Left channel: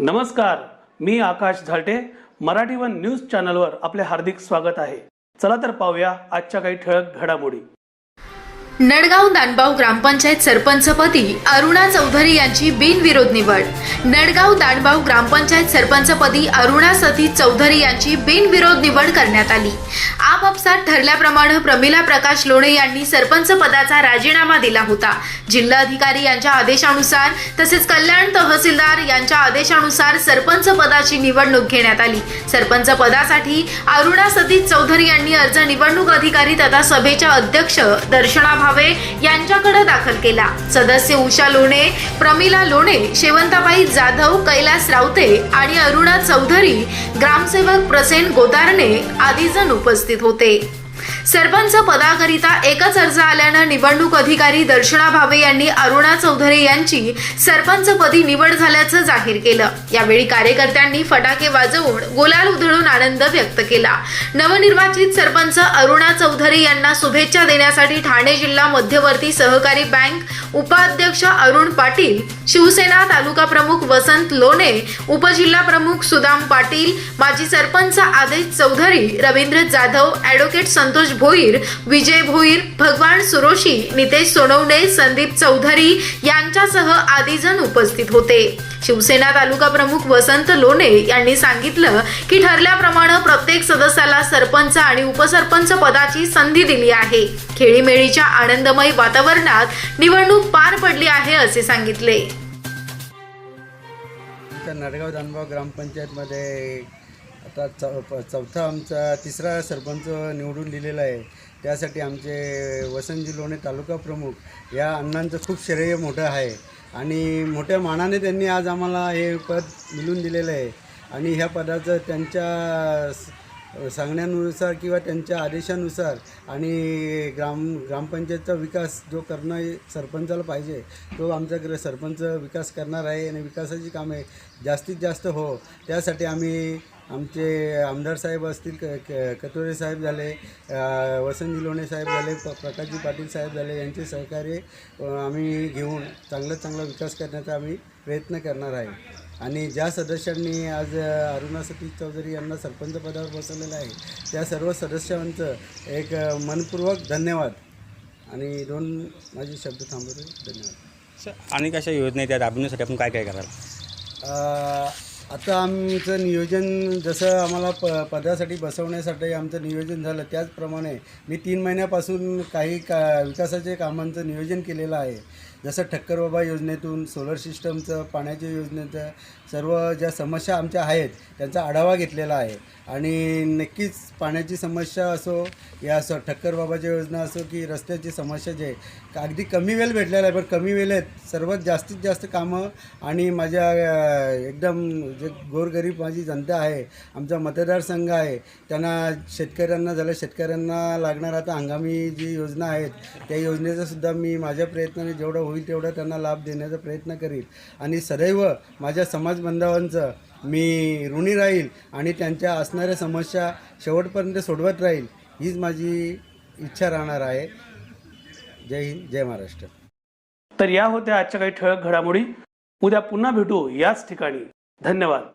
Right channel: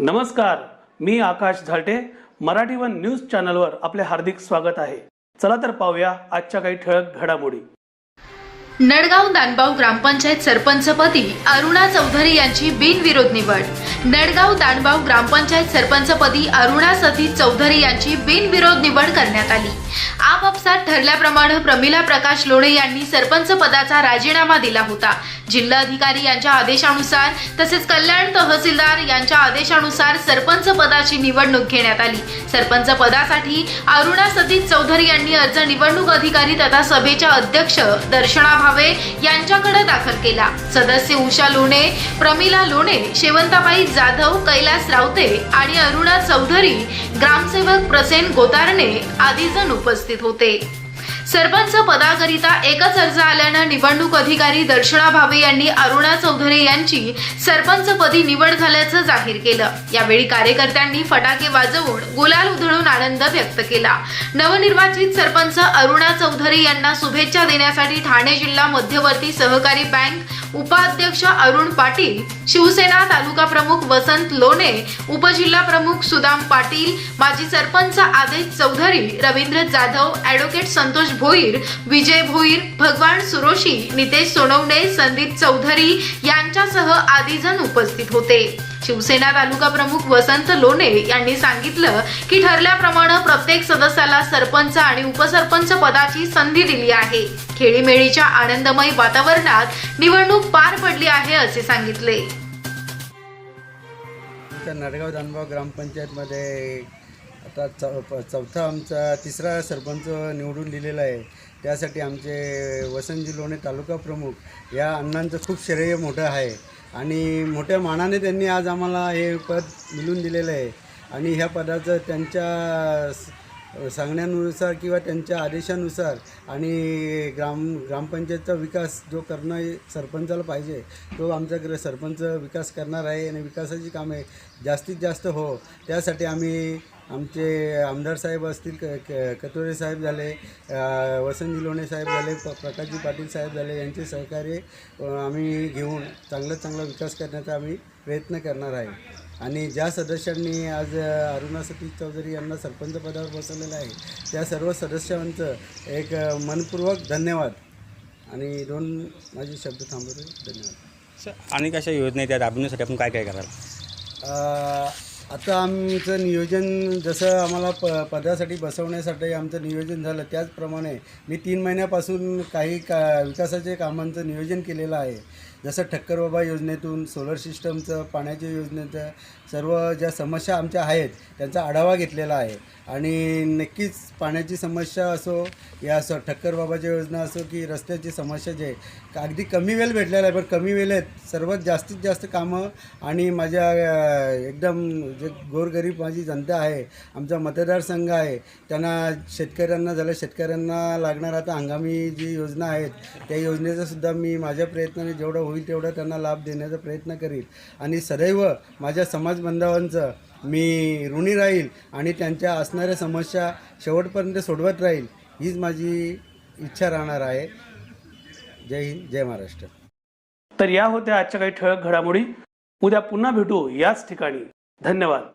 नमस्कार मी Akash Zalte. Marathi one news चॅनलवर आपले हार्दिक स्वागत आहे. चला तर पाहूया आजच्या काही ठळक घडामोडी. नडगाव दांडगाव ग्रामपंचायत सरपंचपदी अरुणा चौधरी यांची बिनविरोध निवड. नडगाव दांडगाव ग्रामपंचायत सरपंचपदी अरुणा सतीश चौधरी यांची बिनविरोध निवड करण्यात आली. आपापसात ठरल्याप्रमाणे प्रमिला प्रकाश लोणे यांनी सरपंच पदाचा राजीनामा दिला होता. जिल्हाधिकारी यांच्या आदेशानुसार तसेच सरपंच पदाची निवडणूक घेण्यात आली. सरपंच पदासाठी अरुणा सतीश चौधरी यांनी अर्ज निवडणूक अधिकारी तथा सभेच्या अध्यक्ष दर्शना भावे यांच्याकडे दाखल केला. सदस्य उषा लोणे प्रमिला लोणे शेवंताबाई जाधव कैलास रावते आणि अरुणा चौधरी ग्रामसेवक प्रसेन गोदारणे आदी जण उपस्थित होते. सरपंच पदाकरिता एकच अर्ज आल्यानं निवडणूक अधिकारी दर्शना भावे यांनी अरुणा यांची सरपंच पदी निवड झाल्याचं जाहीर केलं. यावेळी कार्यकर्त्यांनी फटाके वाजवून गोलाल उधळून आनंद व्यक्त केला. नवनिर्वाचित सरपंच अरुणा चौधरी यांना शुभेच्छा देण्यासाठी ठाणे जिल्हा मध्यवर्ती सहकारी बँक उपाध्यक्ष अरुण पाटील शिवसेना तालुका प्रमुख वसंत लोणे उपजिल्हा प्रमुख सुदाम पाटील माजी सरपंच आदेश चौधरी रवींद्र जाधव ऍडव्होकेट संतोष भोईर विजय भोईर भगवान सुरोशी नितेश सोनवणे संदीप चौधरी यांच्यासह आदी जण उपस्थित होते. शिवसेना तालुका प्रमुख वसंत लोणे यांनी सांगितलं की ठरल्याप्रमाणे प्रत्येक सदस्याला सरपंच आणि उपसरपंच पदाची संधी दिली आहे. खेळीमेळीच्या आनंदमय वातावरणात निवडणूक पार पडली आहे असे सांगितले. आमच्या नडगाव दानगाव ग्रामपंचायतमध्ये आता चौ प- चौथा आमचा तिसरा सरपंच निवडून दिलेला आहे. त्यासाठी आमचे वसंतजी लोणे तालुका प्रमुख या अण्णांचं खूप श्रेय मोठं आहे. आणि मोठ्या मानाने त्यांनी आज आम्हाला हे पद मिळून दिलेलं आहे. आणि ह्या पदाचं त्यांच्या सांगण्यानुसार किंवा त्यांच्या आदेशानुसार आणि ग्राम ग्रामपंचायतचा विकास जो करणं सरपंचाला पाहिजे तो आमचा ग्र सरपंच विकास करणार आहे आणि विकासाची कामे जास्तीत जास्त हो त्यासाठी आम्ही आमचे आमदार साहेब असतील क कतोरे कटोरे साहेब झाले वसंत वसंतजी लोणे साहेब झाले प प्रकाशजी पाटील साहेब झाले यांचे सहकार्य आम्ही घेऊन चांगला चांगला विकास करण्याचा आम्ही प्रयत्न करणार आहे. आणि ज्या सदस्यांनी आज अरुणा सतीश चौधरी यांना सरपंच पदावर बसवलेलं आहे त्या सर्व सदस्यांचं एक मनपूर्वक धन्यवाद. आणि दोन माझे शब्द थांबवतो. धन्यवाद. सर आणि कशा योजना आहेत? त्या राबवण्यासाठी आपण काय काय कराल? आता आमचं नियोजन जसं आम्हाला प पदासाठी बसवण्यासाठी आमचं नियोजन झालं त्याचप्रमाणे मी तीन महिन्यापासून काही का विकासाचे कामांचं नियोजन केलेलं आहे. जसं ठक्कर बाबा योजनेतून सोलर सिस्टमचं पाण्याच्या योजनेचं सर्व ज्या समस्या आमच्या आहेत त्यांचा आढावा घेतलेला आहे. आणि नक्कीच पाण्याची समस्या असो या असो ठक्कर बाबाची योजना असो की रस्त्याची समस्या जे अगदी कमी वेळ भेटलेला आहे पण कमी वेळेत सर्वात जास्तीत जास्त कामं आणि माझ्या एकदम जे गोरगरीब माझी जनता आहे आमचा मतदारसंघ आहे त्यांना शेतकऱ्यांना झालं शेतकऱ्यांना लागणार आता हंगामी जी योजना आहेत त्या योजनेचा सुद्धा मी माझ्या प्रयत्नाने जेवढं होईल तेवढा त्यांना लाभ देण्याचा प्रयत्न करील. आणि सदैव माझ्या समाज बांधवांचं मी ऋणी राहील आणि त्यांच्या असणाऱ्या समस्या शेवटपर्यंत सोडवत राहील हीच माझी इच्छा राहणार आहे. जय हिंद जय महाराष्ट्र. तर या होत्या आजच्या काही ठळक घडामोडी. उद्या पुन्हा भेटू याच ठिकाणी. धन्यवाद.